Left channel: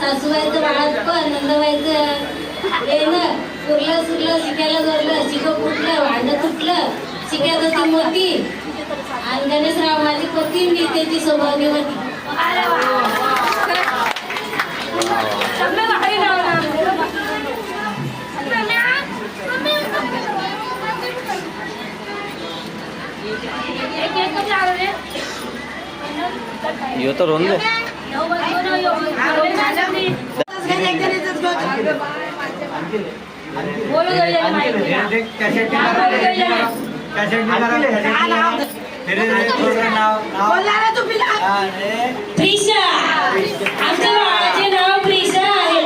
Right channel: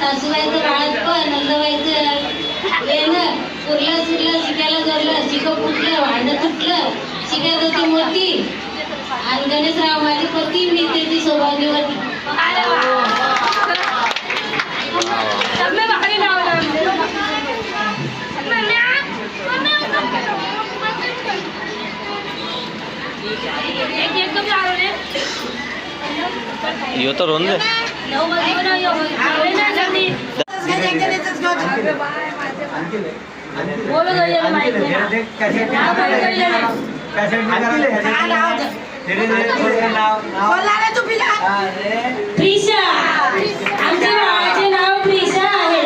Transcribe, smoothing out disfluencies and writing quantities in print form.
सासूबाईचं बाळात नंदबाईचं येणं पुरलं सुरलं शिकायला जोडलं शिकं फुटलं भांडं तुटलं शिकायत होती मोती आणि गणेशराव माझी पती मी त्याची सौभाग्यवती. यो तर रोन दे प्रिशा आमच्या भावाचे नाव प्रिशा आहे.